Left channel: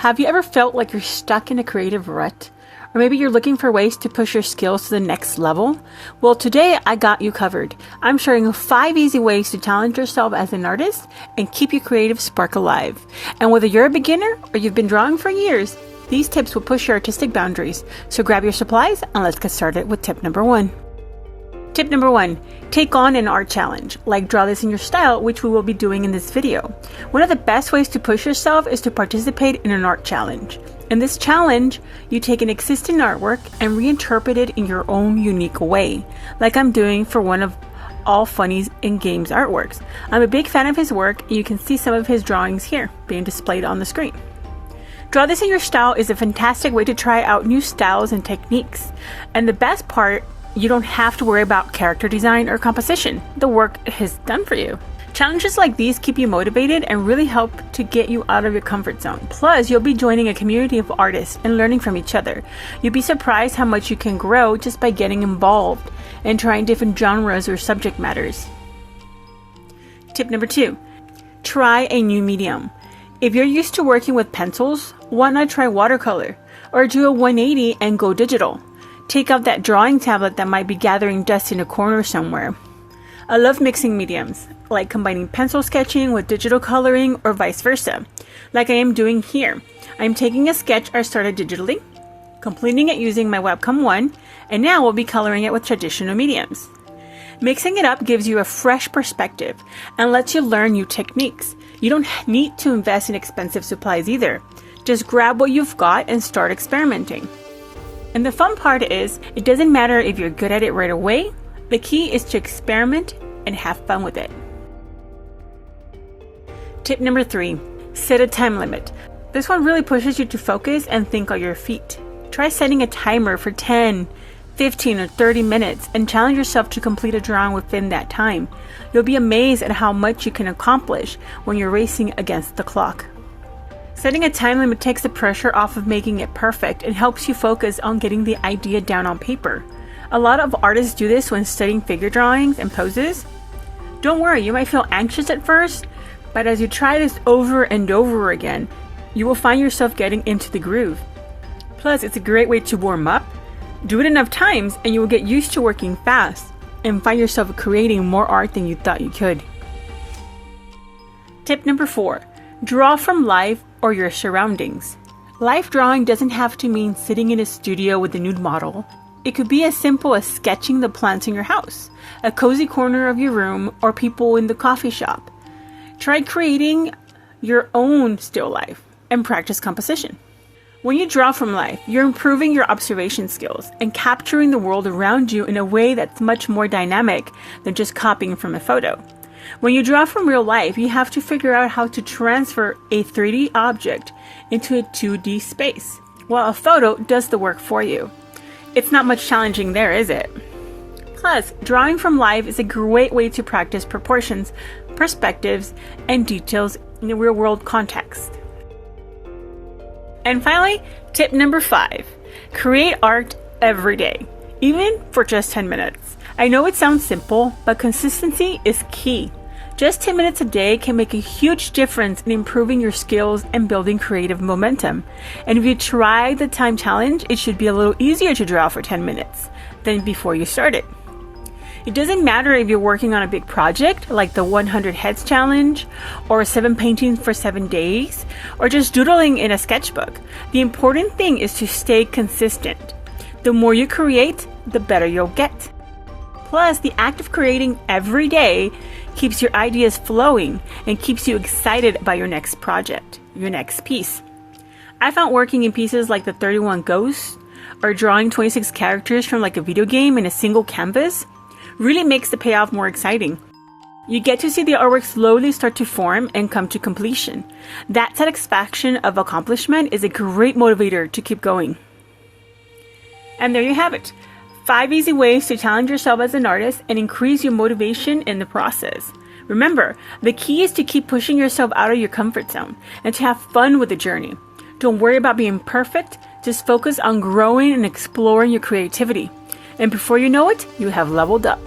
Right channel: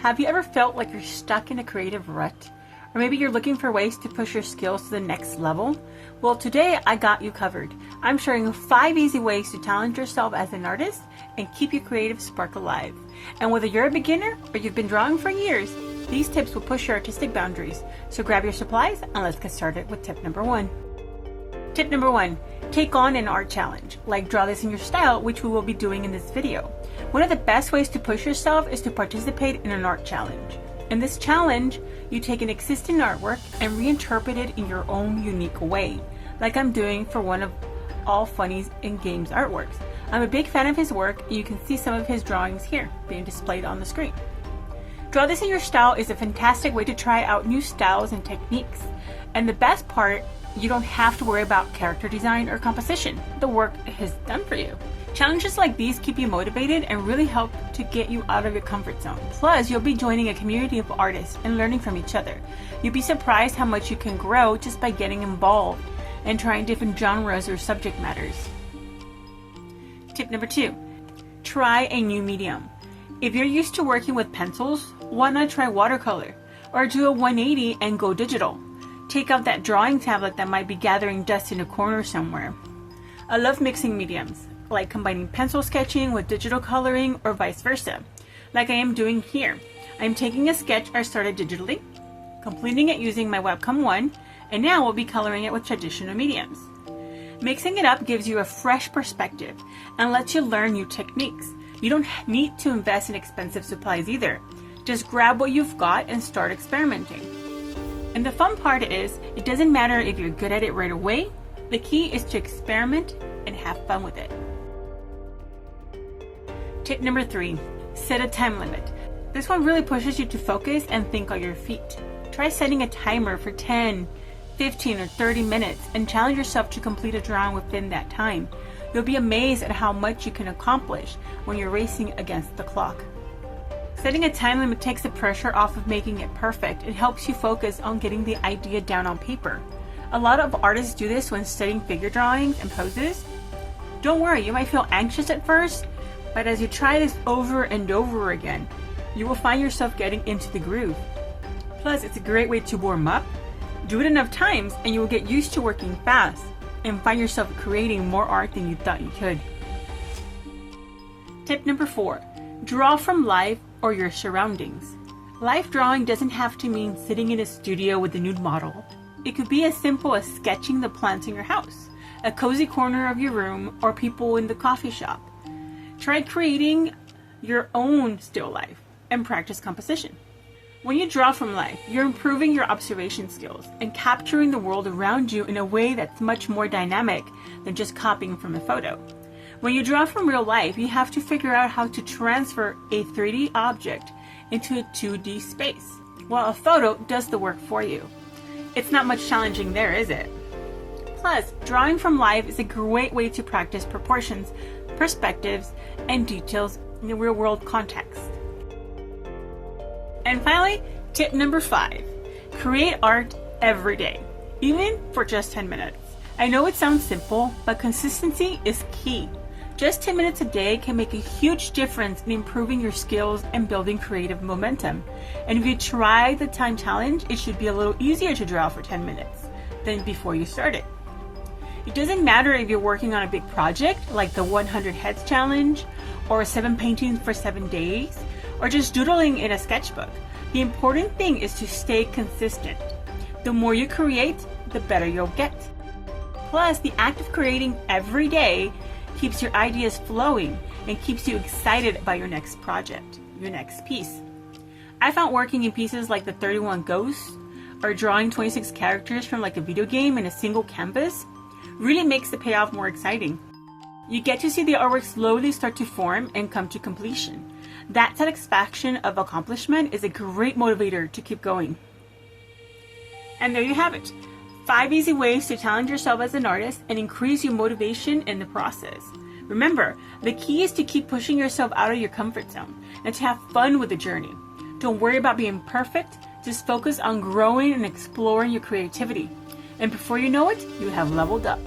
Have you ever felt like you're stuck in a creative rut? Or maybe you're looking for ways to push your skills to the next level? Well, today I got you covered. I'm sharing 5 easy ways to challenge yourself as an artist and keep your creative spark alive. And whether you're a beginner or you've been drawing for years, these tips will push your artistic boundaries. So grab your supplies and let's get started with tip number 1. Tip number 1, take on an art challenge, like draw this in your style, which we will be doing in this video. One of the best ways to push yourself is to participate in an art challenge. In this challenge, you take an existing artwork and reinterpret it in your own unique way, like I'm doing for one of All Funnies in Games artworks. I'm a big fan of his work, and you can see some of his drawings here being displayed on the screen. Draw this in your style is a fantastic way to try out new styles and techniques. And the best part, you don't have to worry about character design or composition. The work is done for you. Challenges like these keep you motivated and really help to get you out of your comfort zone. Plus, you'll be joining a community of artists and learning from each other. You'll be surprised how much you can grow just by getting involved and trying different genres or subject matters. Tip number 2, try a new medium. If you're used to working with pencils, why not try watercolor or do a 180 and go digital? Take out that drawing tablet that might be gathering dust in a corner somewhere. I love mixing mediums, like combining pencil sketching with digital coloring or vice versa, like I am doing here. I'm taking a sketch I started digitally, completing it using my Webcam 1, and now we'll be coloring it with traditional mediums. Mixing it up gives you a fresh perspective and lets you learn new techniques. You don't need to invest in expensive supplies either. Just grab what you've got and start experimenting. And the fun part is, it doesn't matter if you're good at it right away. The key is to experiment and have fun with it. Tip number 3, set a time limit. This one really pushes you to focus and think on your feet. Try setting a timer for 10, 15, or 30 minutes and challenge yourself to complete a drawing within that time. You'll be amazed at how much you can accomplish when you're racing against the clock. Setting a time limit takes the pressure off of making it perfect and helps you focus on getting the idea down on paper. A lot of artists do this when studying figure drawings and poses. Don't worry, you might feel anxious at first, but as you try this over and over again, you will find yourself getting into the groove. Plus, it's a great way to warm up. Do it enough times and you will get used to working fast and find yourself creating more art than you thought you could. Tip number 4, draw from life or your surroundings. Life drawing doesn't have to mean sitting in a studio with a nude model. It could be as simple as sketching the plants in your house, a cozy corner of your room, or people in the coffee shop. Try creating your own still life and practice composition. When you draw from life, you're improving your observation skills and capturing the world around you in a way that's much more dynamic than just copying from a photo. When you draw from real life, you have to figure out how to transfer a 3D object into a 2D space, while a photo does the work for you. It's not much challenging there, is it? Plus, drawing from life is a great way to practice proportions, perspectives, and details in a real-world context. And finally, tip number 5, create art every day, even for just 10 minutes. I know it sounds simple, but consistency is key. Just 10 minutes a day can make a huge difference in improving your skills and building creative momentum. And if you try the time challenge, it should be a little easier to draw for 10 minutes than before you started. It doesn't matter if you're working on a big project like the 100 Heads Challenge, or 7 paintings for 7 days, or just doodling in a sketchbook. The important thing is to stay consistent. The more you create, the better you'll get. Plus, the act of creating every day keeps your ideas flowing and keeps you excited about your next project, your next piece. I found working in pieces like the 31 Ghosts or drawing 26 characters from like a video game in a single canvas really makes the payoff more exciting. You get to see the artwork slowly start to form and come to completion. That satisfaction of accomplishment is a great motivator to keep going. And there you have it. 5 easy ways to challenge yourself as an artist and increase your motivation in the process. Remember, the key is to keep pushing yourself out of your comfort zone and to have fun with the journey. Don't worry about being perfect, just focus on growing and exploring your creativity. And before you know it, you have leveled up.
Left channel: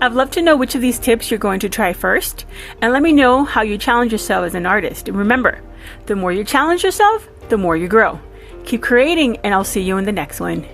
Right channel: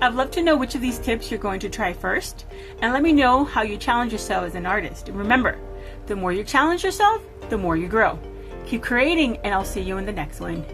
I'd love to know which of these tips you're going to try first, and let me know how you challenge yourself as an artist. And remember, the more you challenge yourself, the more you grow. Keep creating, and I'll see you in the next one.